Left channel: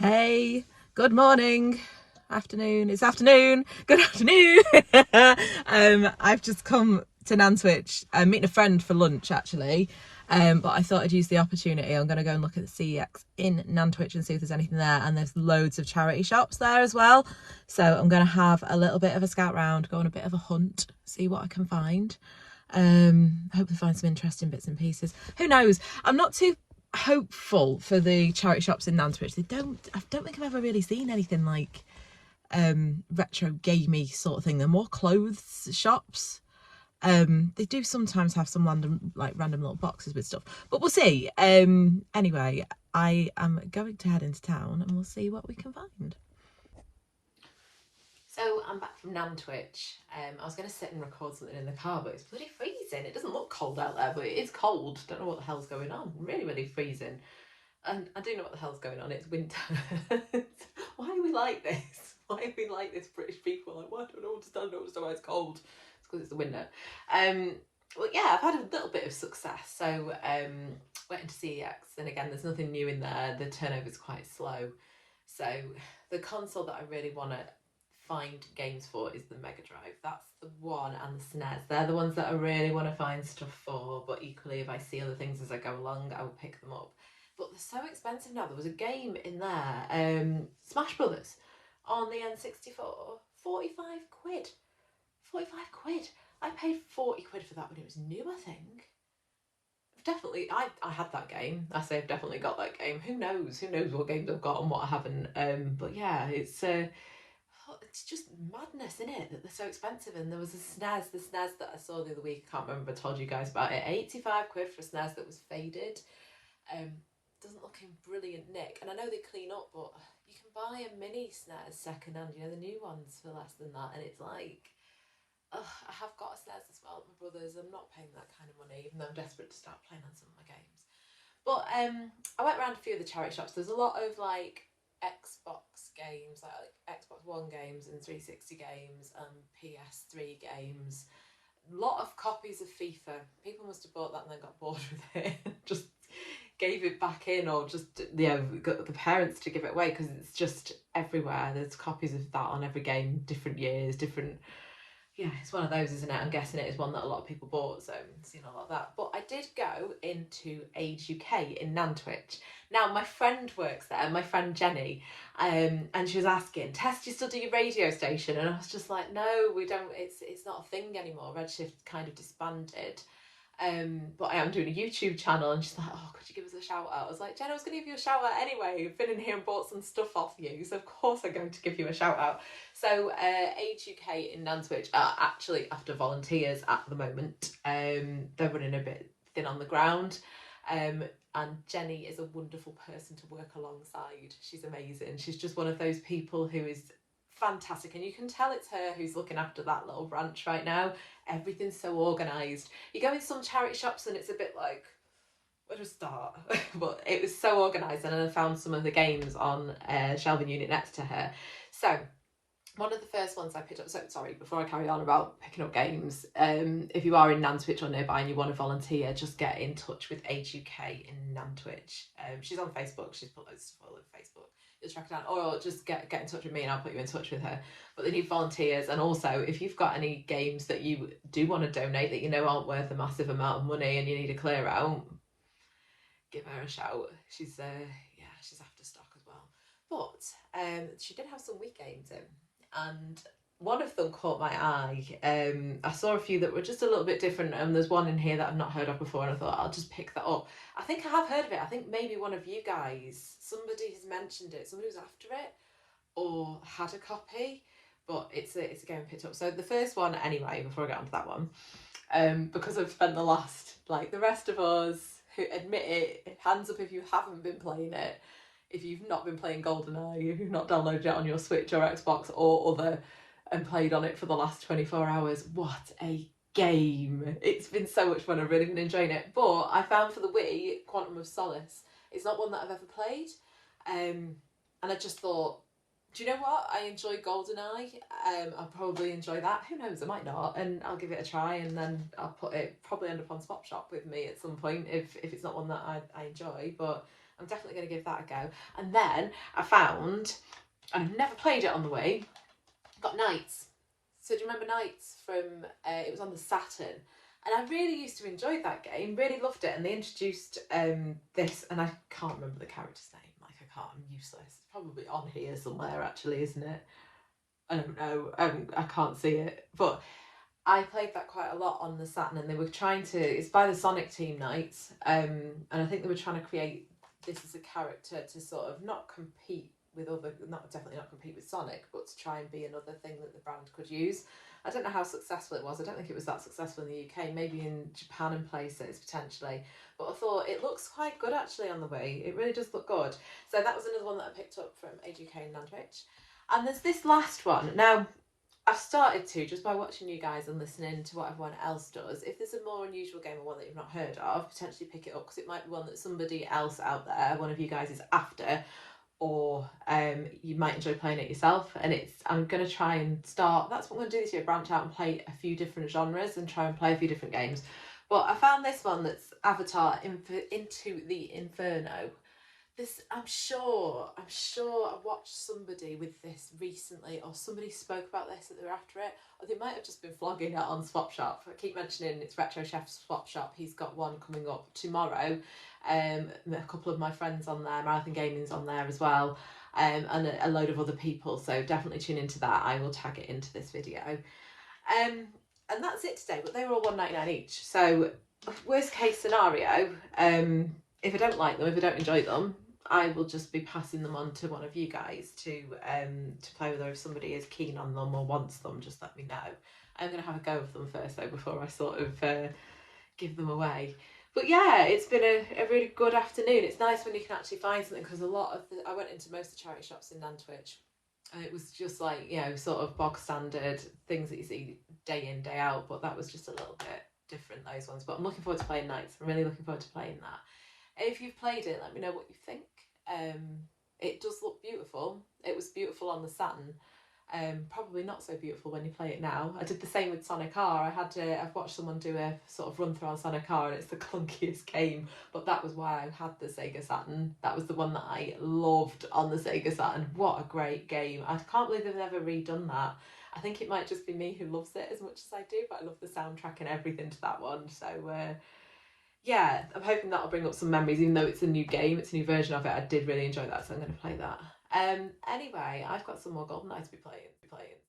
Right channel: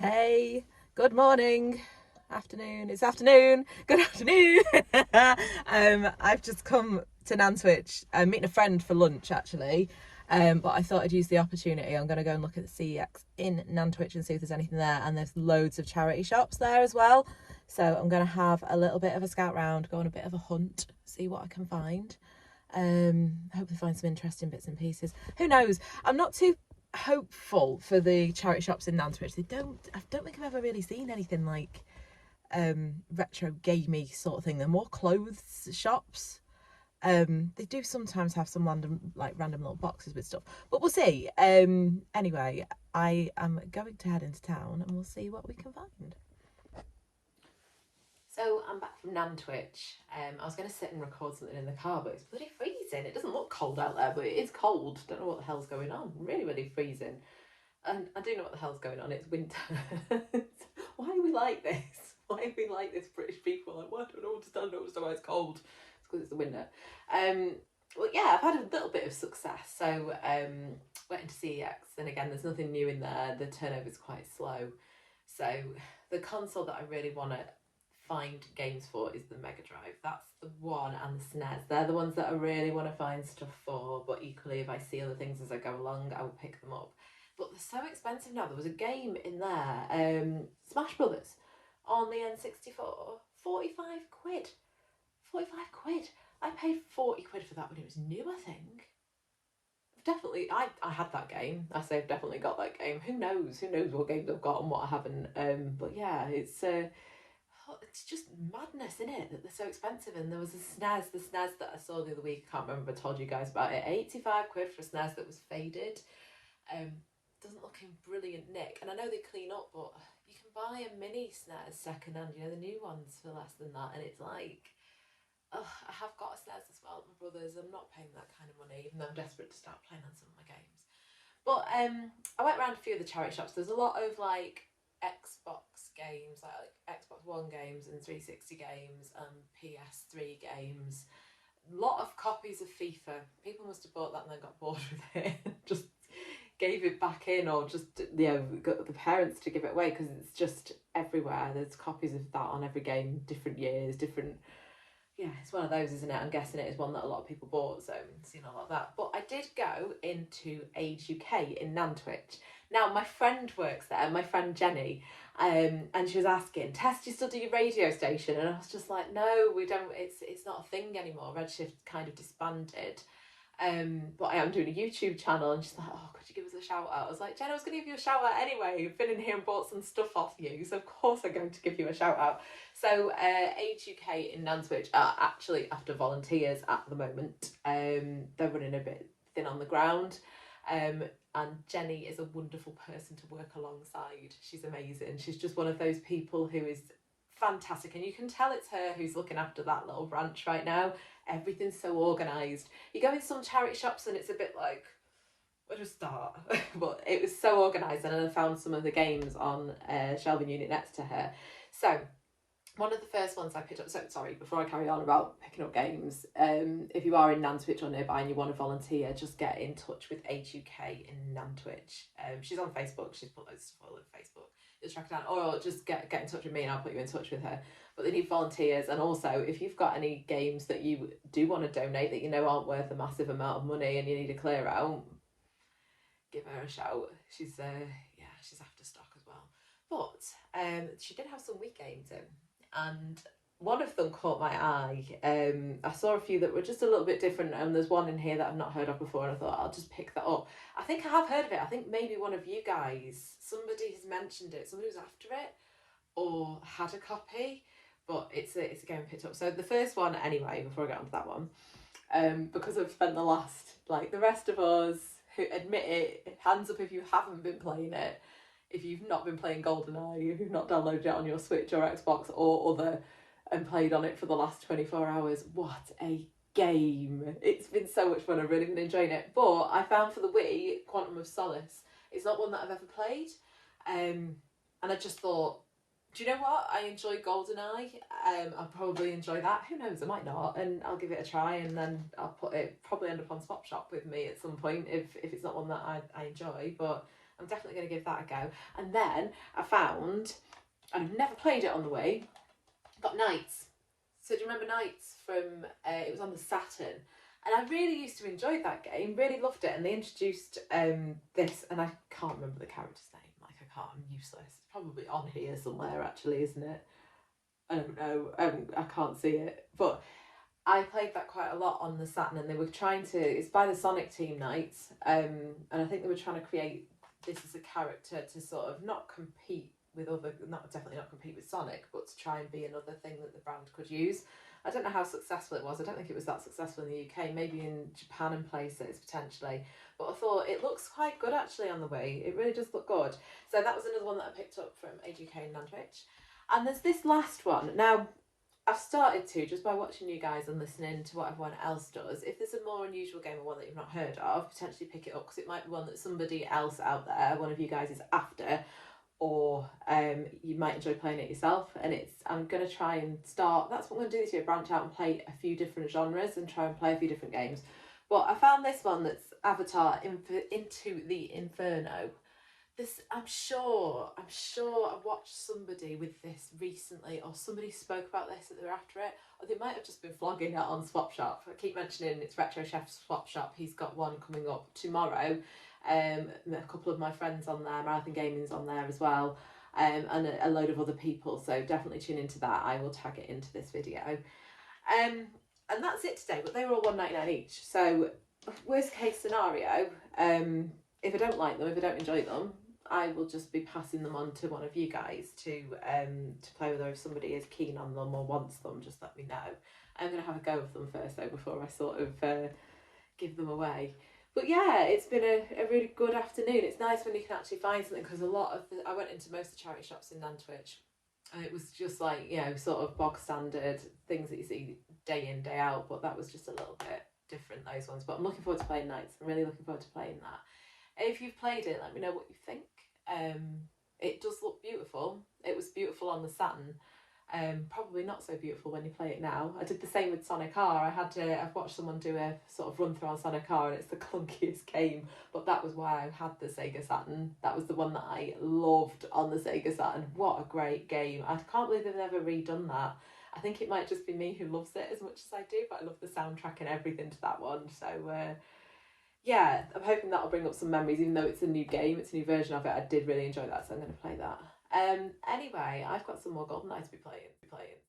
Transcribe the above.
Hey, good morning, afternoon. It's afternoon. Good afternoon. I've just come to Nantwich. I'm meeting a friend for lunch actually. But I thought I'd use the opportunity. I'm going to go and look at the CEX in Nantwich and see if there's anything there. And there's loads of charity shops there as well. So I'm going to have a little bit of a scout round, go on a bit of a hunt, see what I can find. Hopefully find some interesting bits and pieces. Who knows? I'm not too hopeful for the charity shops in Nantwich. I don't think I've ever really seen anything like retro gamey sort of thing. They're more clothes shops. They do sometimes have some random little boxes with stuff, but we'll see. Anyway, I am going to head into town and we'll see what we can find. So I'm back from Nantwich. I was going to sit and record something in the car, but it's bloody freezing. It doesn't look cold out there, but it is cold. Don't know what the hell's going on. Really, really freezing. And I do know what the hell's going on. It's winter. Why are we like this? Why are we like this, British people? Like, I don't understand why it's cold. It's because it's the winter. Well, yeah, I've had a little bit of success. So went into CEX, and again, there's nothing new in there. The turnover's quite slow. So the console that I really want to find games for is the Mega Drive. That's the one, and the SNES. They're the ones that I really want to find stuff for, but equally if I see other things as I go along, I will pick them up. But they're so expensive now. There was a game in there, Smash Brothers, on the N64, 45 quid. 45 quid. I paid 40 quid for that when it was new, I think. Definitely, I had that game. I say I've definitely got that game. Who knows what games I've got and what I haven't. But yeah, it's just madness, isn't it, that they're so expensive. And there was the SNES that I saw the other week. I can't remember if I told you guys about it. 85 quid for a SNES that was faded. Doesn't look in brilliant nick. And I know they clean up, but you can buy a mini SNES second hand, the new ones, for less than that. And it's like, I have got a SNES as well, my brother's. I'm not paying that kind of money, even though I'm desperate to start playing on some of my games. But I went around a few of the charity shops. There's a lot of like Xbox games, like Xbox One games and 360 games and PS3 games. A lot of copies of FIFA. People must have bought that and then got bored with it. Just gave it back in, or just got the parents to give it away, because it's just everywhere. There's copies of that on every game, different years, different. Yeah, it's one of those, isn't it? I'm guessing it is one that a lot of people bought, so I've seen a lot of that. But I did go into Age UK in Nantwich. Now, my friend works there, my friend Jenny, and she was asking, Tess, do you still do your radio station? And I was just like, no, we don't, it's not a thing anymore. Redshift kind of disbanded. But I am doing a YouTube channel, and she's like, oh, could you give us a shout out? I was like, Jen, I was going to give you a shout out anyway. I've been in here and bought some stuff off you, so of course I'm going to give you a shout out. So Age UK in Nantwich are actually after volunteers at the moment. They're running a bit thin on the ground. And Jenny is a wonderful person to work alongside. She's amazing. She's just one of those people who is fantastic, and you can tell it's her who's looking after that little branch right now. Everything's so organised. You go in some charity shops and it's a bit like, where to start? But it was so organised, and I found some of the games on shelving unit next to her. So one of the first ones I picked up, so sorry, before I carry on about picking up games, if you are in Nantwich or nearby and you want to volunteer, just get in touch with Age UK in Nantwich. She's on Facebook, she's put loads of stuff all over Facebook. You'll track it down, or just get in touch with me and I'll put you in touch with her. But they need volunteers, and also if you've got any games that you do want to donate that you know aren't worth a massive amount of money and you need a clear out, give her a shout. She's she's after stock as well. But she did have some weak games in, and one of them caught my eye. I saw a few that were just a little bit different, and there's one in here that I've not heard of before, and I thought I'll just pick that up. I think I have heard of it. I think maybe one of you guys, somebody has mentioned it, somebody was after it or had a copy, but it's a game I picked up. So the first one, anyway, before I get onto that one, because I've spent the last, like the rest of us who admit it, hands up if you haven't been playing it. If you've not been playing GoldenEye, if you've not downloaded it on your Switch or Xbox or other and played on it for the last 24 hours, what a game. It's been so much fun. I've really been enjoying it. But I found for the Wii, Quantum of Solace, it's not one that I've ever played. And I just thought, do you know what? I enjoy GoldenEye. I'll probably enjoy that. Who knows? I might not. And I'll give it a try, and then I'll probably end up on Swap Shop with me at some point if it's not one that I enjoy. But I'm definitely going to give that a go. And then I found, and I've never played it on the Wii, got Knights. So do you remember Knights from, it was on the Saturn. And I really used to enjoy that game, really loved it. And they introduced this, and I can't remember the character's name. Like, I can't, I'm useless. It's probably on here somewhere, actually, isn't it? I don't know. I can't see it. But I played that quite a lot on the Saturn, and they were trying to, it's by the Sonic Team Knights, and I think they were trying to create this as a character to sort of not compete with other, definitely not compete with Sonic, but to try and be another thing that the brand could use. I don't know how successful it was. I don't think it was that successful in the UK, maybe in Japan and places potentially. But I thought it looks quite good actually on the Wii. It really does look good. So that was another one that I picked up from AGK and Nantwich. And there's this last one. Now, I've started to, just by watching you guys and listening to what everyone else does, if there's a more unusual game or one that you've not heard of, potentially pick it up, because it might be one that somebody else out there, one of you guys, is after, or you might enjoy playing it yourself. And I'm going to try and start, that's what I'm going to do this year, branch out and play a few different genres and try and play a few different games. But I found this one that's Avatar into the Inferno. This, I'm sure I watched somebody with this recently, or somebody spoke about this that they were after it, or they might have just been flogging it on Swap Shop. I keep mentioning it's Retro Chef's Swap Shop. He's got one coming up tomorrow. A couple of my friends on there, Marathon Gaming's on there as well, and a load of other people. So definitely tune into that. I will tag it into this video. And that's it today. But they were all $1.99 each. So worst case scenario, if I don't like them, if I don't enjoy them, I will just be passing them on to one of you guys to play with, or if somebody is keen on them or wants them, just let me know. I'm going to have a go of them first though before I sort of give them away. But yeah, it's been a really good afternoon. It's nice when you can actually find something, because I went into most of the charity shops in Nantwich, and it was just like, you know, sort of bog standard things that you see day in, day out, but that was just a little bit different, those ones. But I'm looking forward to playing Knights. I'm really looking forward to playing that. If you've played it, let me know what you think. It does look beautiful. It was beautiful on the Saturn. Probably not so beautiful when you play it now. I did the same with Sonic R. I've watched someone do a sort of run through on Sonic R, and it's the clunkiest game, but that was why I had the Sega Saturn. That was the one that I loved on the Sega Saturn. What a great game. I can't believe they've never redone that. I think it might just be me who loves it as much as I do, but I love the soundtrack and everything to that one. So yeah, I'm hoping that'll bring up some memories, even though it's a new game, it's a new version of it. I did really enjoy that, so I'm going to play that. Anyway, I've got some more Golden Knights to be playing.